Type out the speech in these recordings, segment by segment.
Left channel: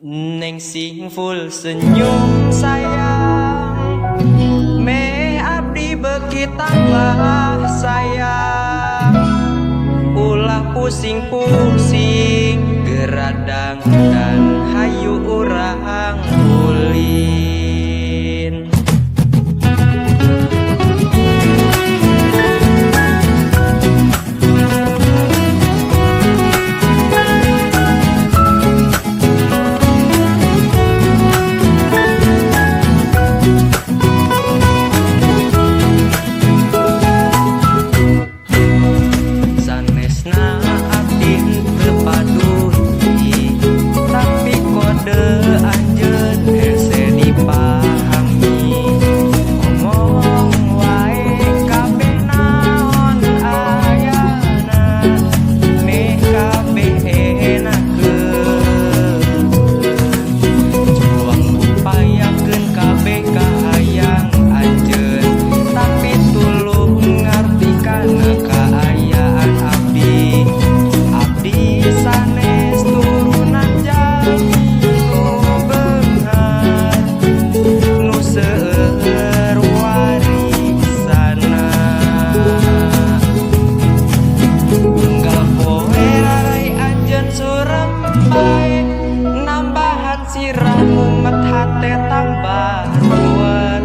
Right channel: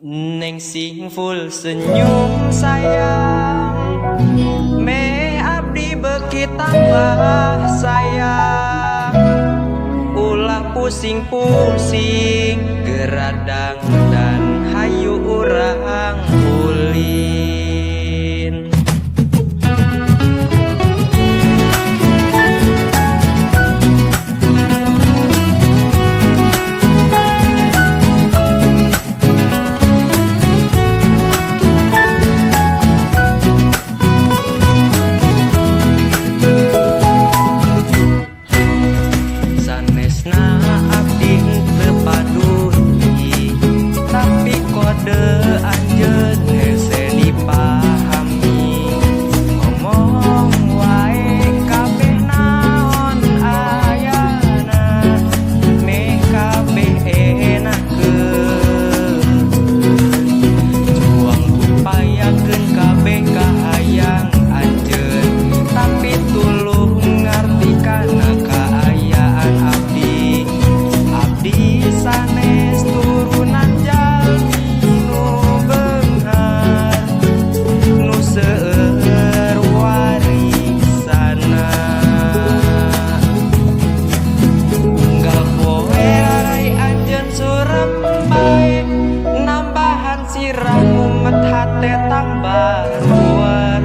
Neng sing full senyum sayang, me abdi beki tambah sayang. Ulah pusing-pusing geradang dan hayu urang ulin. Sanesna abdi teu paduli, tapi kode anjeun hese dipahami. Ngomong wae kabeh naon ayana, meh kabeh enakeun. Juang upayakeun kabeh kahayang anjeun, tapi tuluy ngarti kana kaayaan abdi. Abdi sanes turunan jalmi nu beunghar, nu seueur warisana. Unggal poe rarai anjeun surem bae, nambahan sirah mumet hate tambah ruwet.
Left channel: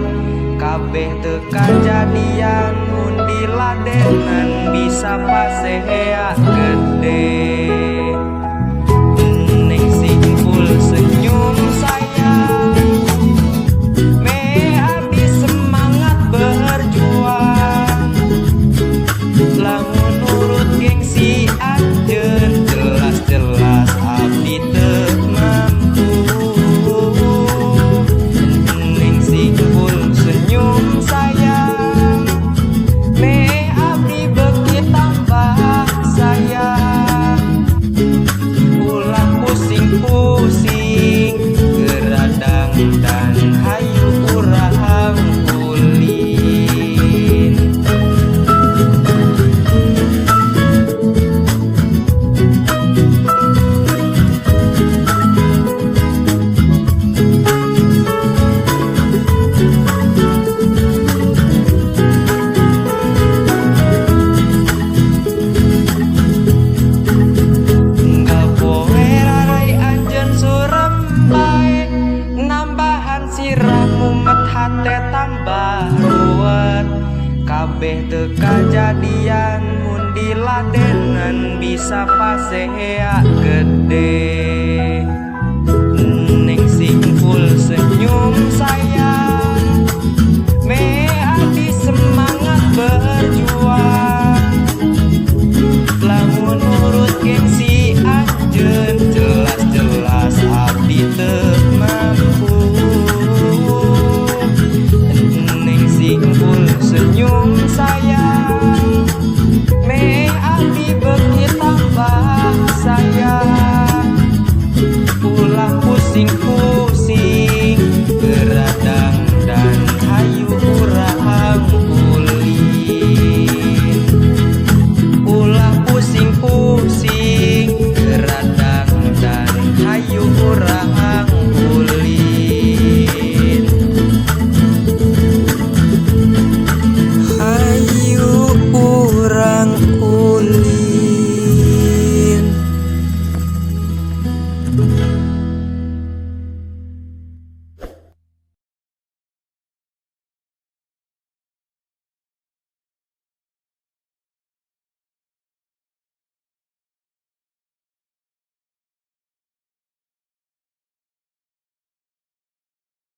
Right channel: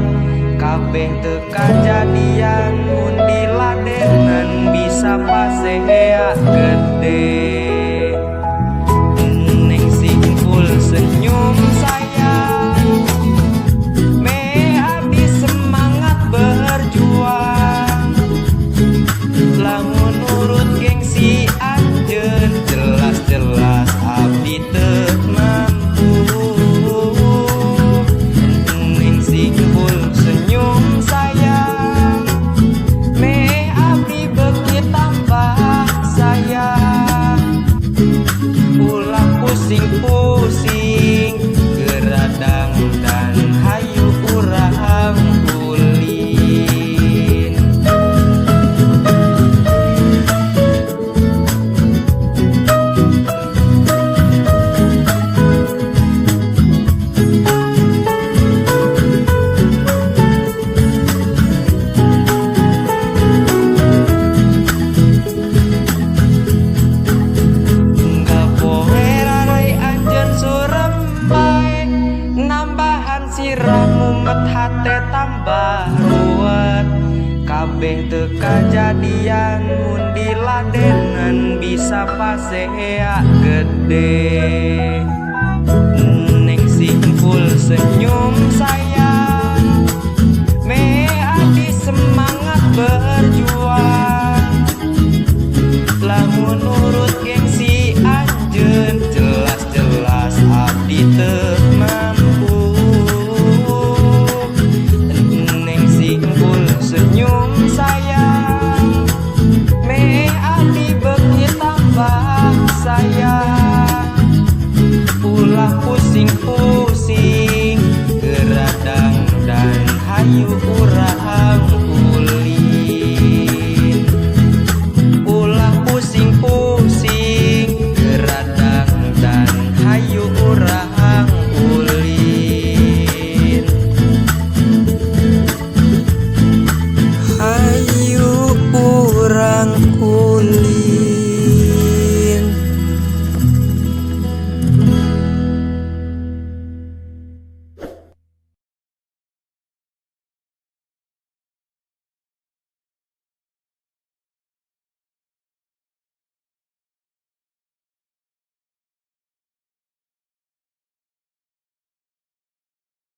Kabeh teu kajadian mun diladenan bisa pasea gede. Neng sing full senyum sayang, me abdi semangat berjuang. Lamun nurut gengsi anjeun, jelas-jelas abdi teu mampu. Neng sing full senyum sayang, me abdi beki tambah sayang. Ulah pusing-pusing geradang dan hayu urang ulin. Unggal poe rarai anjeun surem bae, nambahan sirah mumet hate tambah ruwet. Kabeh teu kajadian mun diladenan bisa pasea gede. Neng sing full senyum sayang,